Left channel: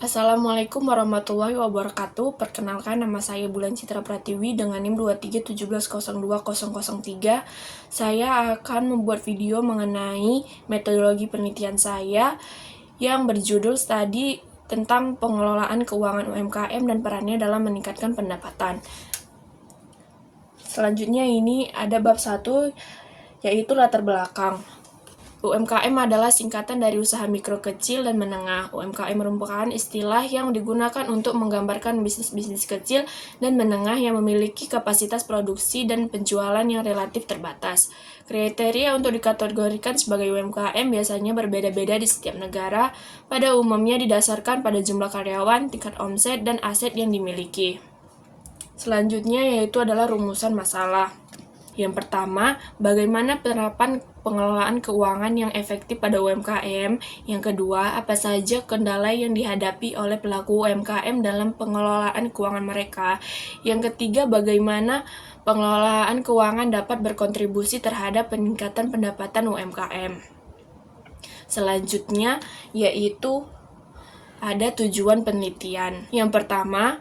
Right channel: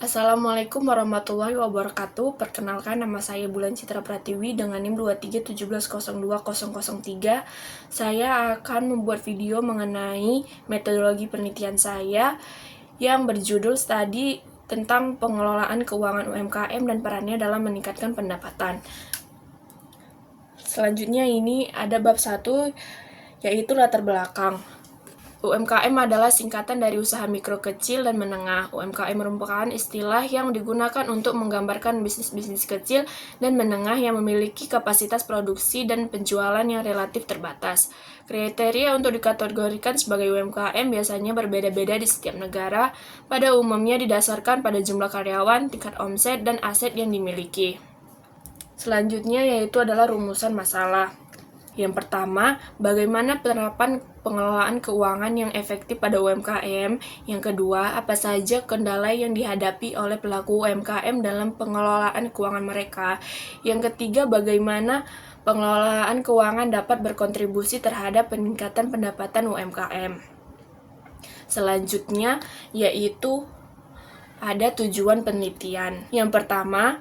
Assalamualaikum warahmatullahi wabarakatuh. Perkenalkan, nama saya Bulan Citra Pratiwi dengan NIM 2317002003. Saya akan membuat video mengenai metodologi penelitian saya yang berjudul studi tentang pengelolaan keuangan UMKM dan perannya dalam meningkatkan pendapatan. Selanjutnya ini ada bab 1, yaitu latar belakang. UMKM adalah singkatan dari usaha mikro, kecil, dan menengah. UMKM merupakan istilah yang digunakan untuk menggambarkan bisnis-bisnis kecil dan menengah yang memiliki kapasitas produksi dan penjualan yang relatif terbatas. Kriteria untuk dikategorikan sebagai UMKM biasanya berbeda-beda di setiap negara, pada umumnya didasarkan pada jumlah karyawan, tingkat omset, dan aset yang dimiliki. Selanjutnya yaitu adalah rumusan masalah. Yang pertama, bagaimana penerapan pengelolaan keuangan yang efektif pada UMKM. Yang kedua, apa saja kendala yang dihadapi oleh pelaku UMKM dalam pengelolaan keuangan mereka. Yang ketiga, bagaimana pengelolaan keuangan dapat berkontribusi terhadap peningkatan pendapatan UMKM. Selanjutnya, yaitu ada tujuan penelitian. Yang pertama,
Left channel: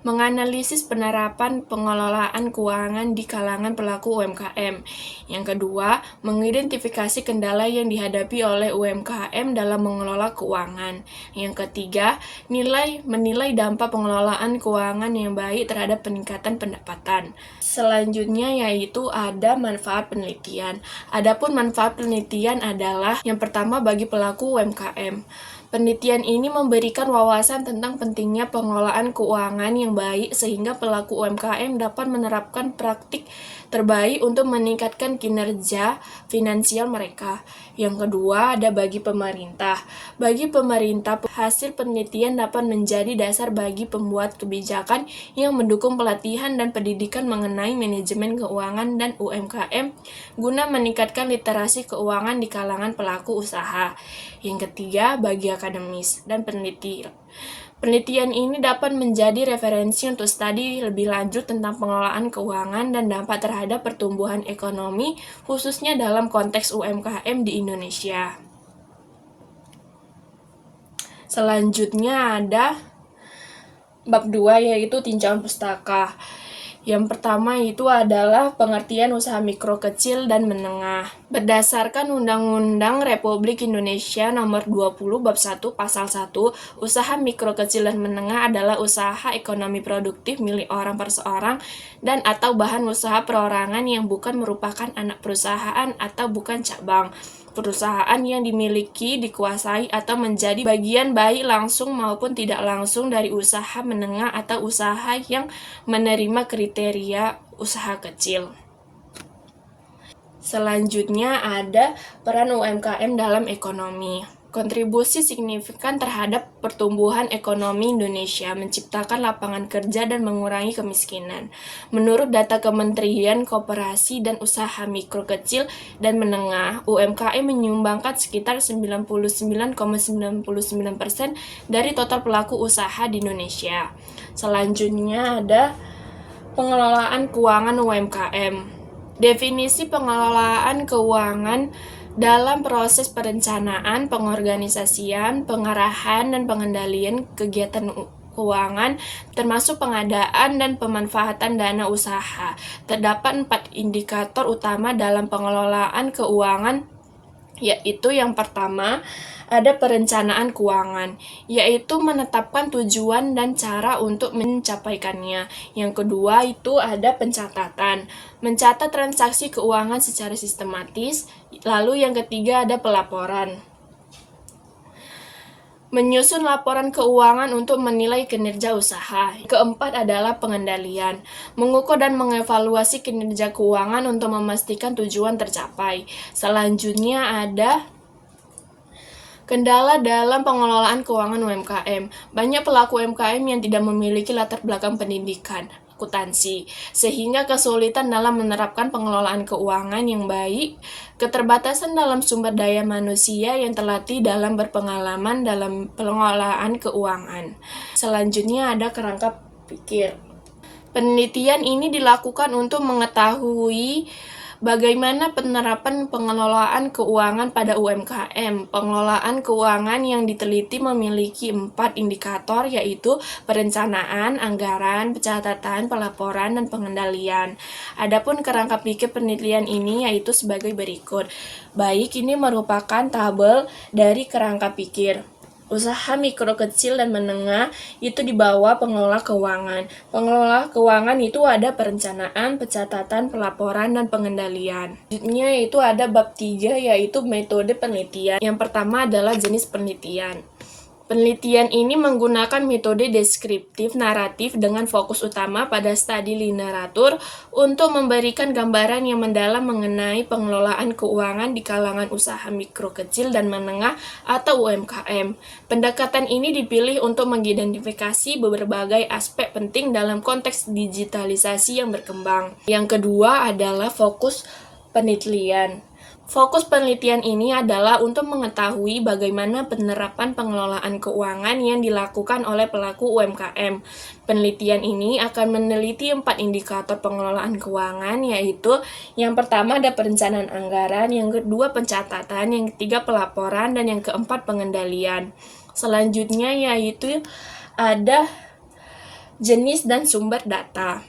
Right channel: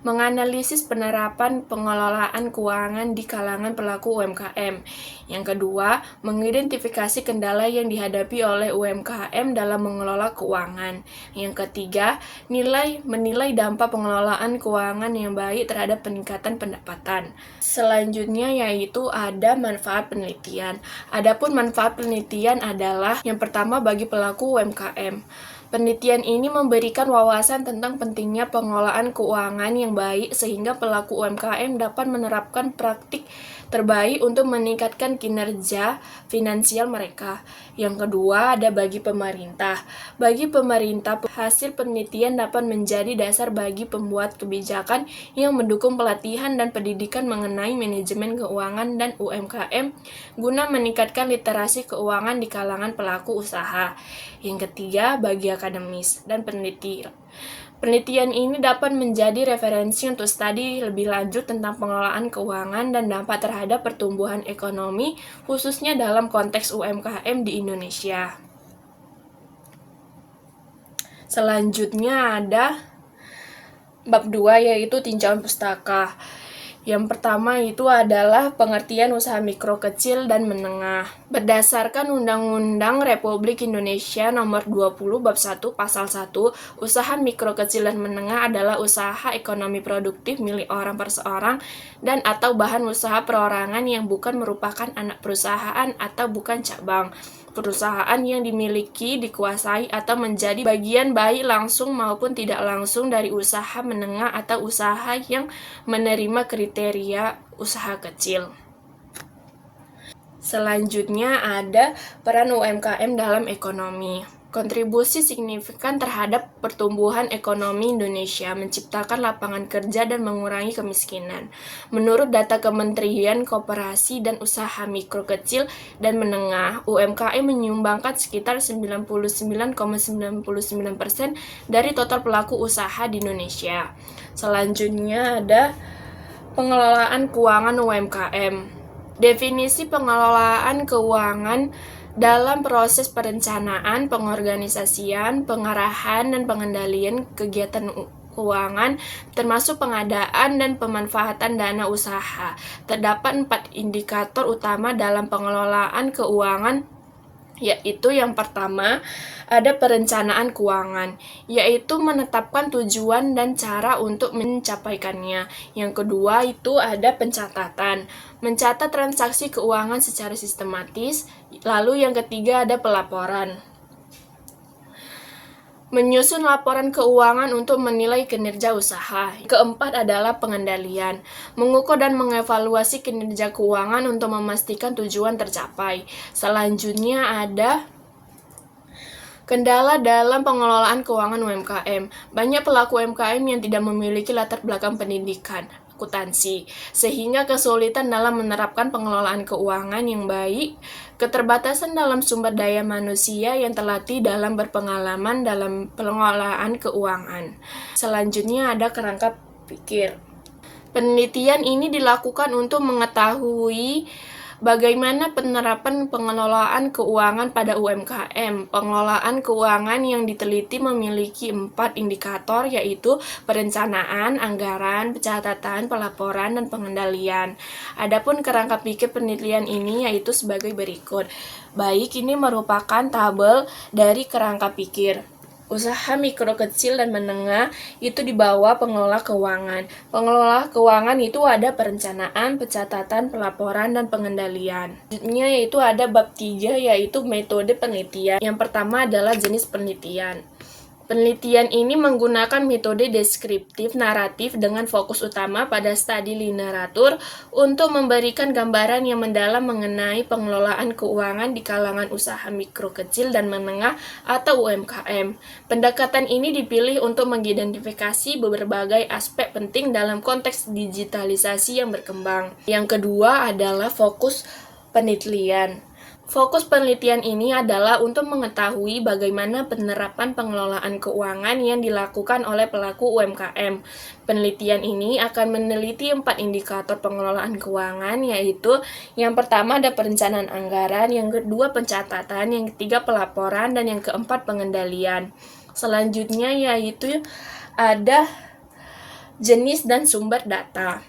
menganalisis penerapan pengelolaan keuangan di kalangan pelaku UMKM. Yang kedua, mengidentifikasi kendala yang dihadapi oleh UMKM dalam mengelola keuangan. Yang ketiga, menilai dampak pengelolaan keuangan yang baik terhadap peningkatan pendapatan. Selanjutnya yaitu ada manfaat penelitian. Adapun manfaat penelitian adalah yang pertama bagi pelaku UMKM. Penelitian ini memberikan wawasan tentang pentingnya pengelolaan keuangan yang baik sehingga pelaku UMKM dapat menerapkan praktik terbaik untuk meningkatkan kinerja finansial mereka. Yang kedua, ada bagi pemerintah. Bagi pemerintah, hasil penelitian dapat menjadi dasar bagi pembuat kebijakan yang mendukung pelatihan dan pendidikan mengenai manajemen keuangan dan UMKM guna meningkatkan literasi keuangan di kalangan pelaku usaha. Yang ketiga, bagi akademis dan peneliti. Penelitian ini dapat menjadi referensi untuk studi lebih lanjut tentang pengelolaan keuangan dan dampak terhadap pertumbuhan ekonomi, khususnya dalam konteks UMKM di Indonesia. Selanjutnya ada bab 2, yaitu tinjauan pustaka. Yang pertama itu adalah pengertian usaha mikro, kecil, dan menengah. Berdasarkan Undang-Undang Republik Indonesia Nomor 20 Bab 1 Pasal 1, usaha mikro, kecil, dan menengah adalah usaha ekonomi produktif milik orang perseorang dan atau bahan usaha perorangan yang bukan merupakan anak perusahaan atau bukan cabang perusahaan yang dimiliki, dikuasai, atau menjadi bagian baik langsung maupun tidak langsung dari usaha menengah atau usaha yang menerima kriteria usaha kecil. Selanjutnya ada peran UMKM dalam ekonomi. Kontribusi signifikan terhadap pertumbuhan ekonomi Indonesia, menciptakan lapangan kerja dan mengurangi kemiskinan. Menurut data Kementerian Koperasi dan Usaha Mikro, Kecil, dan Menengah, UMKM menyumbangkan sekitar 99,99% dari total pelaku usaha di Indonesia. Selanjutnya ada pengelolaan keuangan UMKM. Definisi pengelolaan keuangan dalam proses perencanaan, pengorganisasian, pengarahan, dan pengendalian kegiatan keuangan, termasuk pengadaan dan pemanfaatan dana usaha. Terdapat 4 indikator utama dalam pengelolaan keuangan, yaitu yang pertama ada perencanaan keuangan, yaitu menetapkan tujuan dan cara untuk mencapaikannya. Yang kedua itu ada pencatatan, mencatat transaksi keuangan secara sistematis. Lalu yang ketiga ada pelaporan, menyusun laporan keuangan untuk menilai kinerja usaha. Keempat adalah pengendalian, mengukur dan mengevaluasi kinerja keuangan untuk memastikan tujuan tercapai. Selanjutnya ada kendala dalam pengelolaan keuangan UMKM. Banyak pelaku UMKM yang tidak memiliki latar belakang pendidikan akuntansi, sehingga kesulitan dalam menerapkan pengelolaan keuangan yang baik, keterbatasan dalam sumber daya manusia yang terlatih dalam berpengalaman dalam pengelolaan keuangan. Selanjutnya ada kerangka pikir. Penelitian ini dilakukan untuk mengetahui Bagaimana penerapan pengelolaan keuangan pada UMKM? Pengelolaan keuangan yang diteliti memiliki 4 indikator, yaitu perencanaan, anggaran, pencatatan, pelaporan, dan pengendalian. Adapun kerangka pikir penelitian ini yaitu sebagai berikut. Baik, ini merupakan tabel dari kerangka pikir. Usaha mikro, kecil, dan menengah itu di bawah pengelola keuangan. Pengelola keuangan itu ada perencanaan, pencatatan, pelaporan, dan pengendalian. Selanjutnya yaitu ada bab 3, yaitu metode penelitian. Yang pertama adalah jenis penelitian. Penelitian ini menggunakan metode deskriptif naratif dengan fokus utama pada studi literatur untuk memberikan gambaran yang mendalam mengenai pengelolaan keuangan di kalangan usaha mikro, kecil, dan menengah atau UMKM. Pendekatan ini dipilih untuk mengidentifikasi berbagai aspek penting dalam konteks digitalisasi yang berkembang. Yang kedua adalah fokus penelitian. Fokus penelitian ini adalah untuk mengetahui bagaimana penerapan pengelolaan keuangan yang dilakukan oleh pelaku UMKM. Penelitian ini akan meneliti 4 indikator pengelolaan keuangan, yaitu yang pertama ada perencanaan anggaran, yang kedua pencatatan, yang ketiga pelaporan, dan yang keempat pengendalian. Selanjutnya yaitu ada jenis dan sumber data.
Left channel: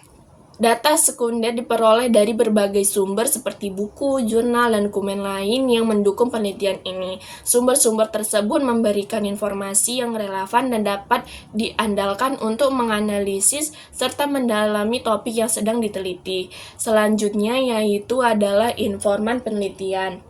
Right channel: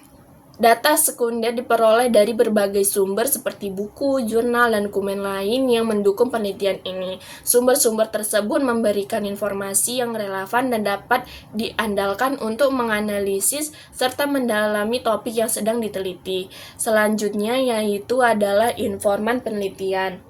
Data sekunder diperoleh dari berbagai sumber seperti buku, jurnal, dan dokumen lain yang mendukung penelitian ini. Sumber-sumber tersebut memberikan informasi yang relevan dan dapat diandalkan untuk menganalisis serta mendalami topik yang sedang diteliti. Selanjutnya yaitu adalah informan penelitian.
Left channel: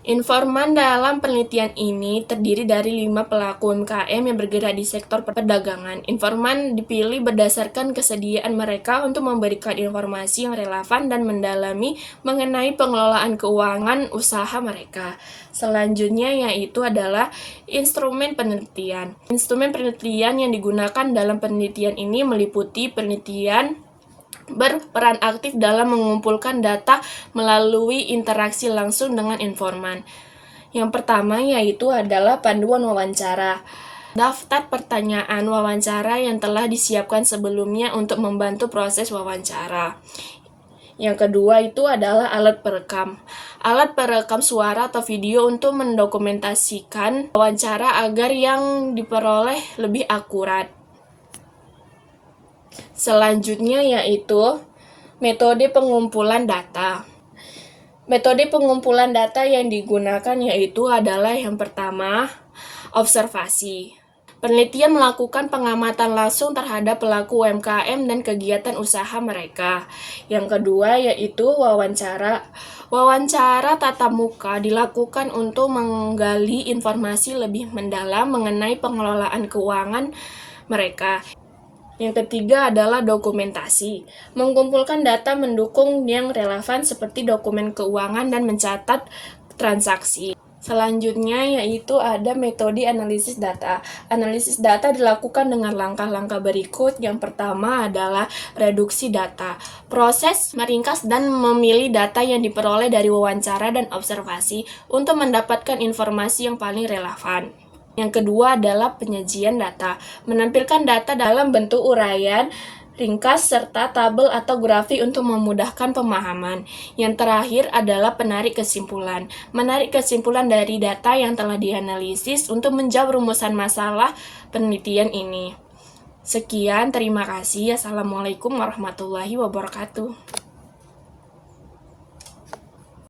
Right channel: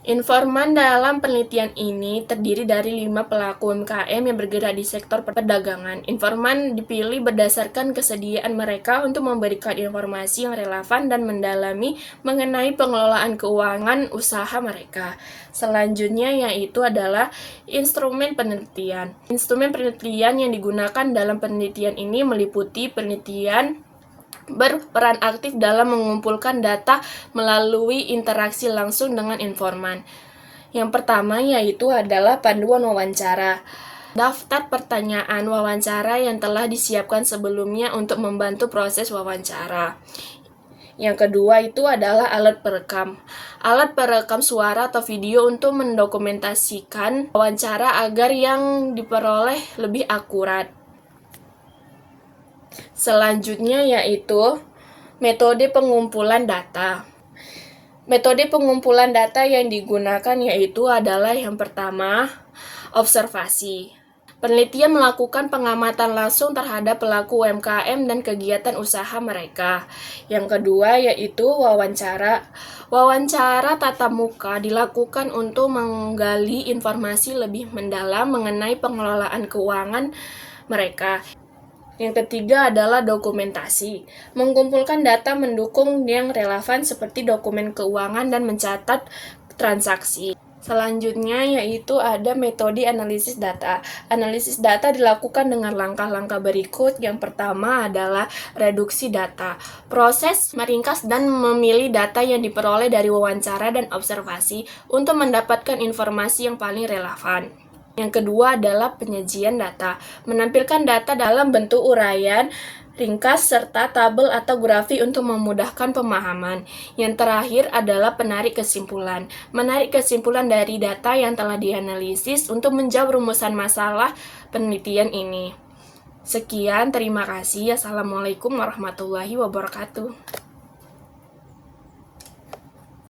Informan dalam penelitian ini terdiri dari 5 pelaku UMKM yang bergerak di sektor perdagangan. Informan dipilih berdasarkan kesediaan mereka untuk memberikan informasi yang relevan dan mendalami mengenai pengelolaan keuangan usaha mereka. Selanjutnya yaitu adalah instrumen penelitian. Instrumen penelitian yang digunakan dalam penelitian ini meliputi penelitian berperan aktif dalam mengumpulkan data melalui interaksi langsung dengan informan. Yang pertama yaitu adalah panduan wawancara. Daftar pertanyaan wawancara yang telah disiapkan sebelumnya untuk membantu proses wawancara. Yang kedua itu adalah alat perekam. Alat perekam suara atau video untuk mendokumentasikan wawancara agar yang diperoleh lebih akurat. Selanjutnya yaitu metode pengumpulan data. Metode pengumpulan data yang digunakan yaitu adalah yang pertama, observasi. Penelitian melakukan pengamatan langsung terhadap pelaku UMKM dan kegiatan usaha mereka. Yang kedua yaitu wawancara. Wawancara tatap muka dilakukan untuk menggali informasi lebih mendalam mengenai pengelolaan keuangan mereka. Yang ketiga adalah dokumentasi. Mengumpulkan data mendukung yang relevan seperti dokumen keuangan dan mencatat transaksi. Selanjutnya yaitu ada metode analisis data. Analisis data dilakukan dengan langkah-langkah berikut. Yang pertama adalah reduksi data. Proses meringkas dan memilih data yang diperoleh dari wawancara dan observasi untuk mendapatkan informasi yang paling relevan. Yang kedua adalah penyajian data. Menampilkan data dalam bentuk uraian, ringkas, serta tabel atau grafik untuk memudahkan pemahaman. Yang terakhir adalah penarik kesimpulan. Menarik kesimpulan dari data yang telah dianalisis untuk menjawab rumusan masalah penelitian ini. Sekian, terima kasih. Assalamualaikum warahmatullahi wabarakatuh.